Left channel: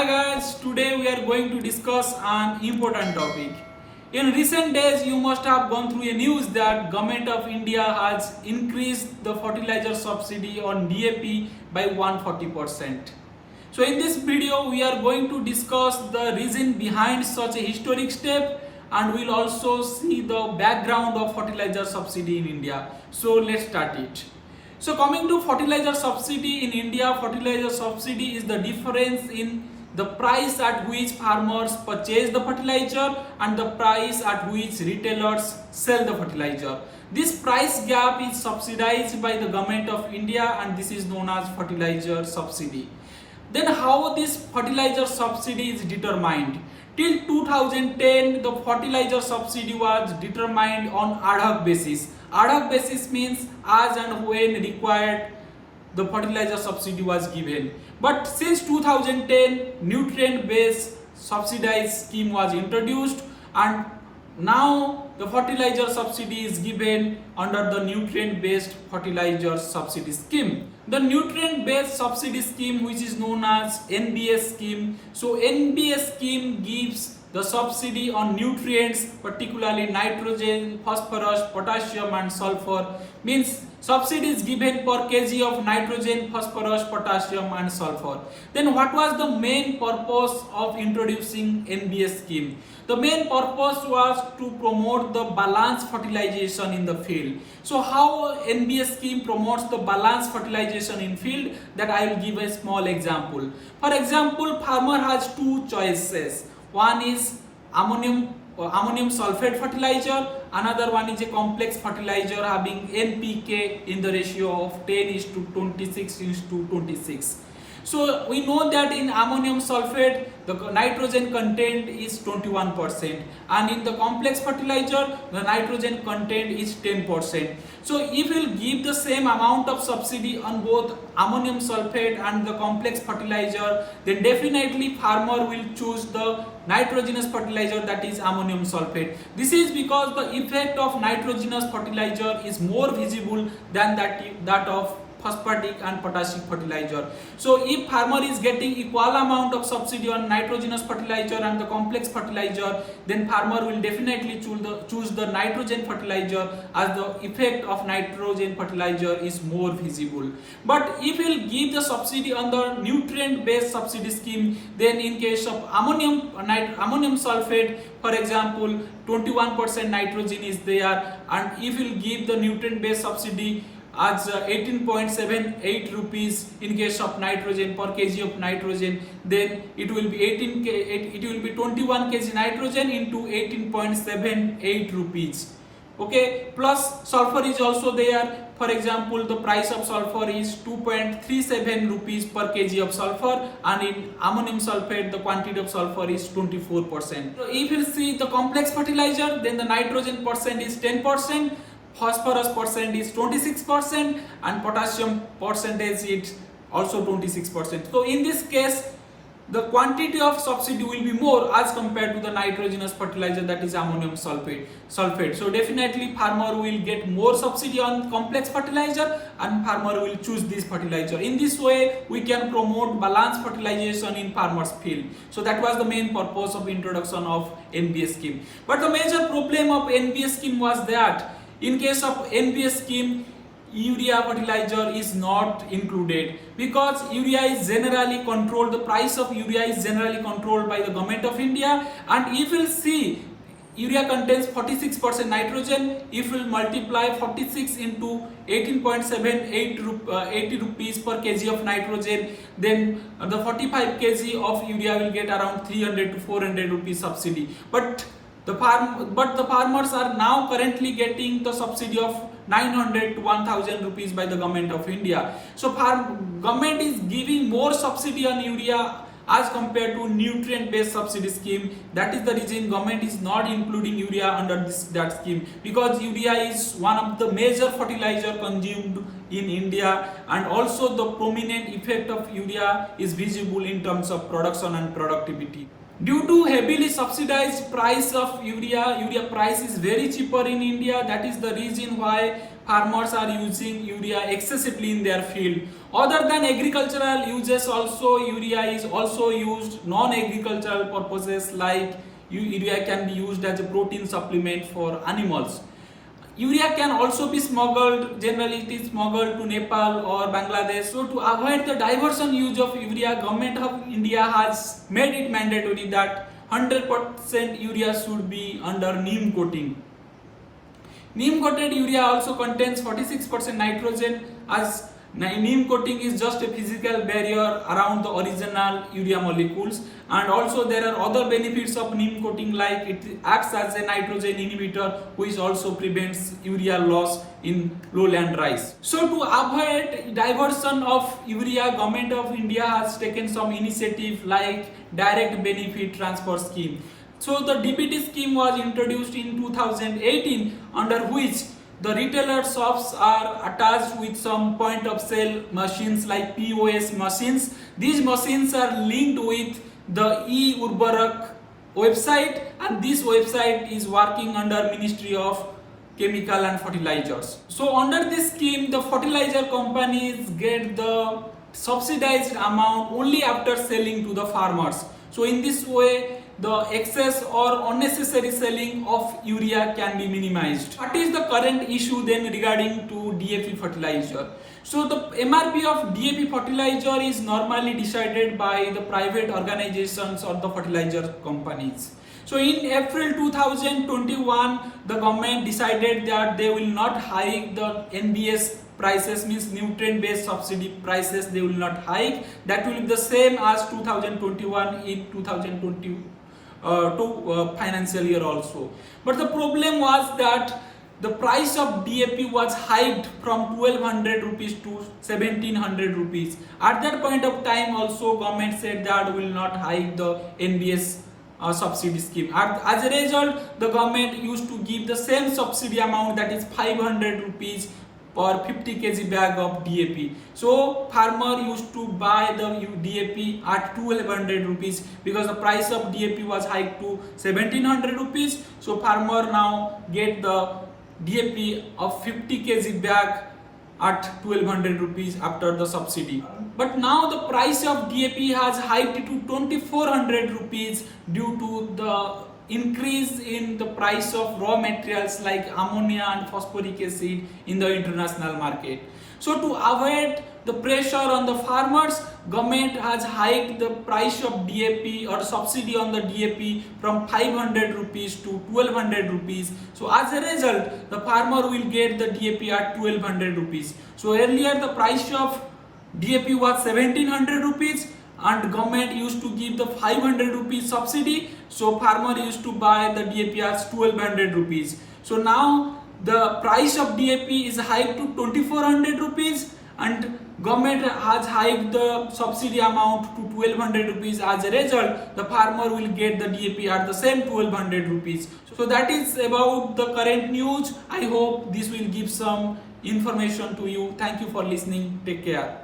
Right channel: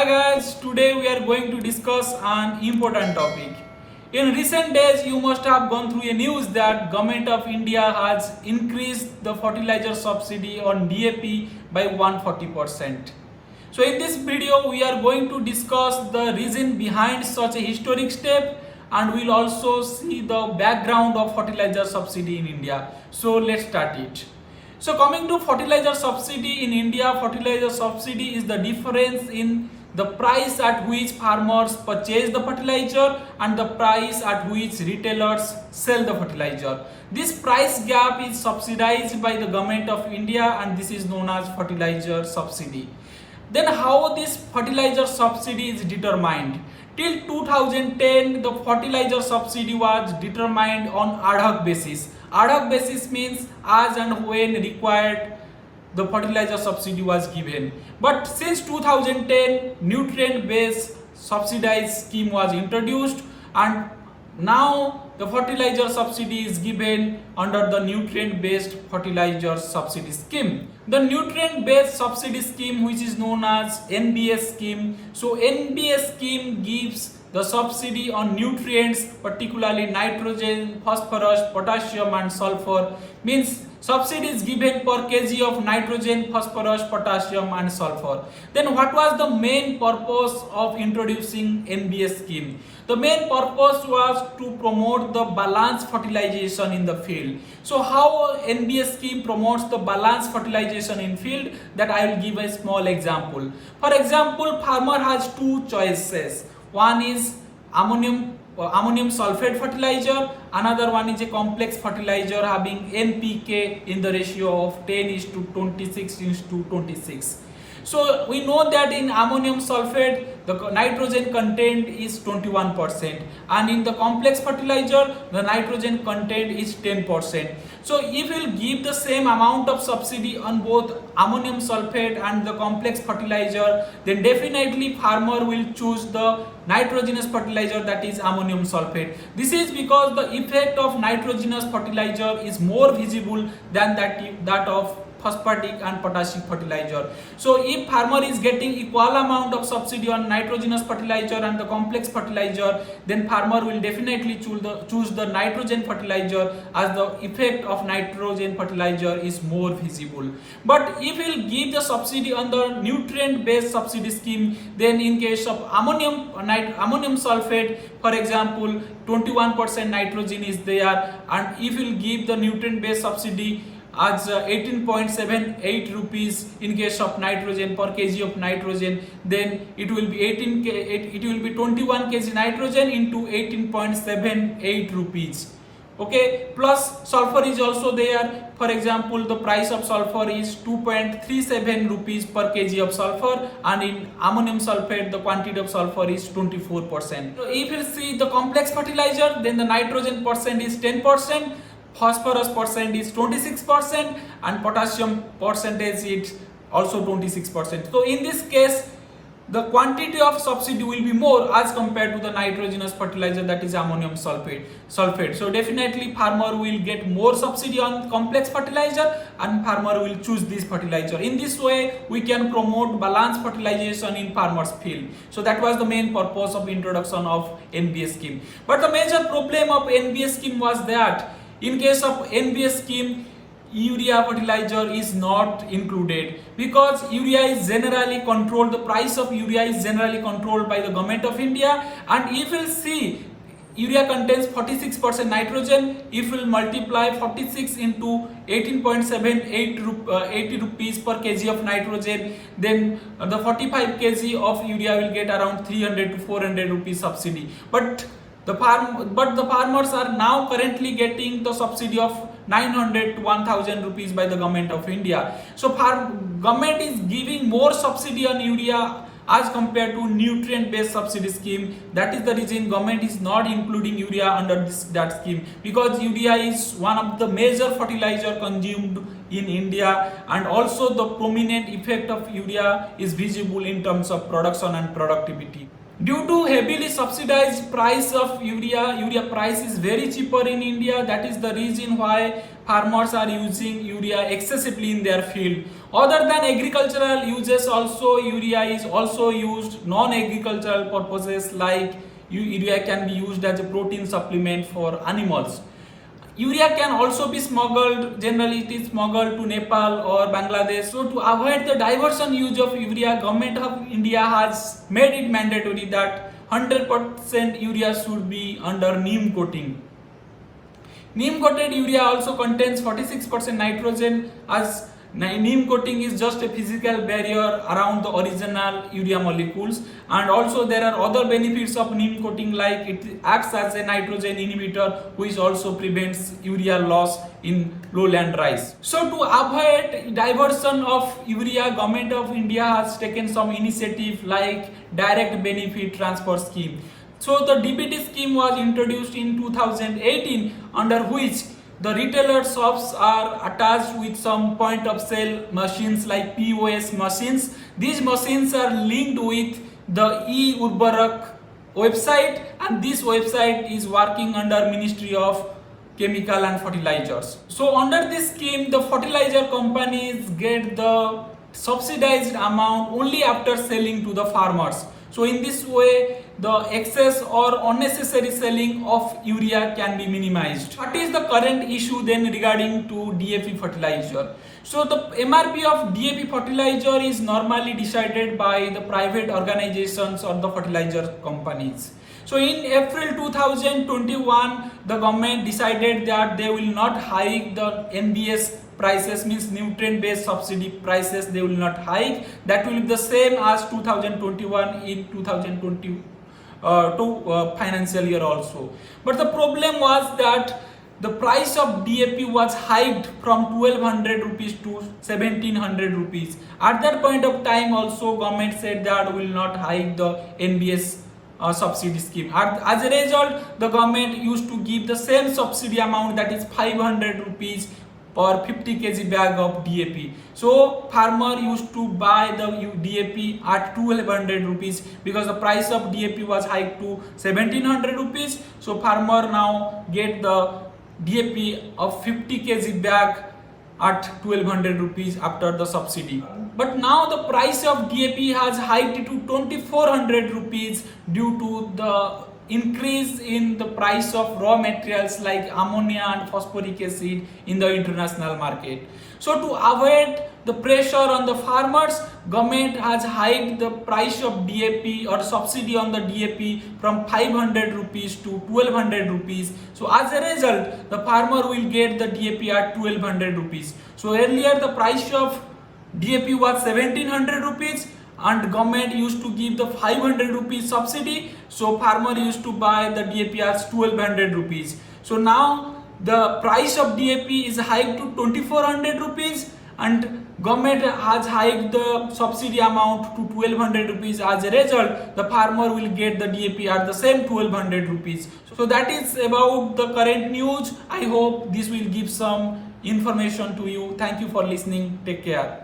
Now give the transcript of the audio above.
Hi guys, today we are going to discuss an important topic. In recent days, you must have gone through a news that Government of India has increased the fertilizer subsidy on DAP by 140%. So in this video, we are going to discuss the reason behind such a historic step, and we'll also see the background of fertilizer subsidy in India. So let's start it. So coming to fertilizer subsidy in India, fertilizer subsidy is the difference in the price at which farmers purchase the fertilizer and the price at which retailers sell the fertilizer. This price gap is subsidized by the Government of India, and this is known as fertilizer subsidy. Then how this fertilizer subsidy is determined? Till 2010, the fertilizer subsidy was determined on ad hoc basis. Ad hoc basis means as and when required, the fertilizer subsidy was given. But since 2010, nutrient based subsidized scheme was introduced, and now the fertilizer subsidy is given under the nutrient based fertilizer subsidy scheme. The nutrient based subsidy scheme, which is known as NBS scheme. So NBS scheme gives the subsidy on nutrients, particularly nitrogen, phosphorus, potassium and sulfur. Means subsidy is given per kg of nitrogen, phosphorus, potassium and sulfur. Then what was the main purpose of introducing NBS scheme? The main purpose was to promote the balanced fertilization in the field. So how NBS scheme promotes the balanced fertilization in field, that I will give a small example. For example, farmer has two choices. One is ammonium sulfate fertilizer, another one is a complex fertilizer having NPK in the ratio of 10:26:26. So we know that in ammonium sulfate the nitrogen content is 21%, and in the complex fertilizer the nitrogen content is 10%. So if we will give the same amount of subsidy on both ammonium sulfate and the complex fertilizer, then definitely farmer will choose the nitrogenous fertilizer, that is ammonium sulfate. This is because the effect of nitrogenous fertilizer is more visible than that of phosphatic and potassic fertilizer. So if farmer is getting equal amount of subsidy on nitrogenous fertilizer and the complex fertilizer, then farmer will definitely choose the nitrogen fertilizer, as the effect of nitrogen fertilizer is more visible. But if we will give the subsidy on the nutrient based subsidy scheme, then in case of ammonium sulfate, for example, 21% nitrogen is there, and if we will give the nutrient based subsidy as 18.78 rupees in case of nitrogen per kg of nitrogen, then it will be 21 kg nitrogen into 18.78 rupees. Okay, plus sulfur is also there. For example, the price of sulfur is 2.37 rupees per kg of sulfur, and in ammonium sulfate the quantity of sulfur is 24%. So if you see the complex fertilizer, then the nitrogen percent is 10%, phosphorus percent is 26%, and potassium percentage is also 26%. So in this case, the quantity of subsidy will be more as compared to the nitrogenous fertilizer, that is ammonium sulfate. So definitely farmer will get more subsidy on complex fertilizer, and farmer will choose this fertilizer. In this way, we can promote balanced fertilization in farmers' field. So that was the main purpose of introduction of NBS scheme. But the major problem of NBS scheme was that in case of NBS scheme, urea fertilizer is not included, because urea is generally controlled, the price of urea is generally controlled by the Government of India. And if you will see, urea contains 46% nitrogen. If we will multiply 46 into 18.78 rupees per kg of nitrogen, then the 45 kg of urea will get around 300 to 400 rupees subsidy. But the farmers are now currently getting the subsidy of 900 to 1000 rupees by the Government of India. So government is giving more subsidy on urea as compared to nutrient based subsidy scheme. That is the reason government is not including urea under that scheme, because urea is one of the major fertilizer consumed in India, and also the prominent effect of urea is visible in terms of production and productivity. Due to heavily subsidized price of urea price is very cheaper in India. That is the reason why farmers are using urea excessively in their field. Other than agricultural uses, also urea is also used non-agricultural purposes, like urea can be used as a protein supplement for animals. Urea can also be smuggled, generally it is smuggled to Nepal or Bangladesh. So to avoid the diversion use of urea, Government of India has made it mandatory that 100% urea should be under neem coating. Neem coated urea also contains 46% nitrogen, as neem coating is just a physical barrier around the original urea molecules, and also there are other benefits of neem coating, like it acts as a nitrogen inhibitor which also prevents urea loss in lowland rice. So to avoid diversion of urea, Government of India has taken some initiative like direct benefit transfer scheme. So the DBT scheme was introduced in 2018, under which the retailer shops are attached with some point of sale machines like POS machines. These machines are linked with the e-Urbarak website, and this website is working under Ministry of Chemical and Fertilizers. So under this scheme, the fertilizer companies get the subsidized amount only after selling to the farmers. So in this way, the excess or unnecessary selling of urea can be minimized. What is the current issue then regarding to DAP fertilizer? So the MRP of DAP fertilizer is normally decided by the private organizations or the fertilizer companies. So in April 2021, the government decided that they will not hike the NBS prices, means nutrient based subsidy prices, they will not hike. That will be the same as 2021 in 2022 financial year also. But the problem was that the price of DAP was hiked from 1200 rupees to 1700 rupees. At that point of time also, government said that will not hike the NBS subsidy scheme. As a result, the government used to give the same subsidy amount, that is 500 rupees per 50 kg bag of DAP. So farmer used to buy the DAP at 1200 rupees because the price of DAP was hiked to 1700 rupees. So farmer now get the DAP of 50 kg bag at 1200 rupees after the subsidy. But now the price of DAP has hiked to 2400 rupees due to the increase in the price of raw materials like ammonia and phosphoric acid in the international market. So to avoid the pressure on the farmers, government has hiked the price of DAP or subsidy on the DAP from 500 rupees to 1200 rupees. So as a result, the farmer will get the DAP at 1200 rupees. So earlier the price of DAP was 1700 rupees and government used to give the 500 rupees subsidy. So farmer used to buy the DAP as 1200 rupees. So now the price of DAP is hiked to 2400 rupees and government has hiked the subsidy amount to 1200 rupees. As a result, the farmer will get the DAP at the same 1200 rupees. So that is about the current news. I hope this will give some information to you. Thank you for listening. Take care.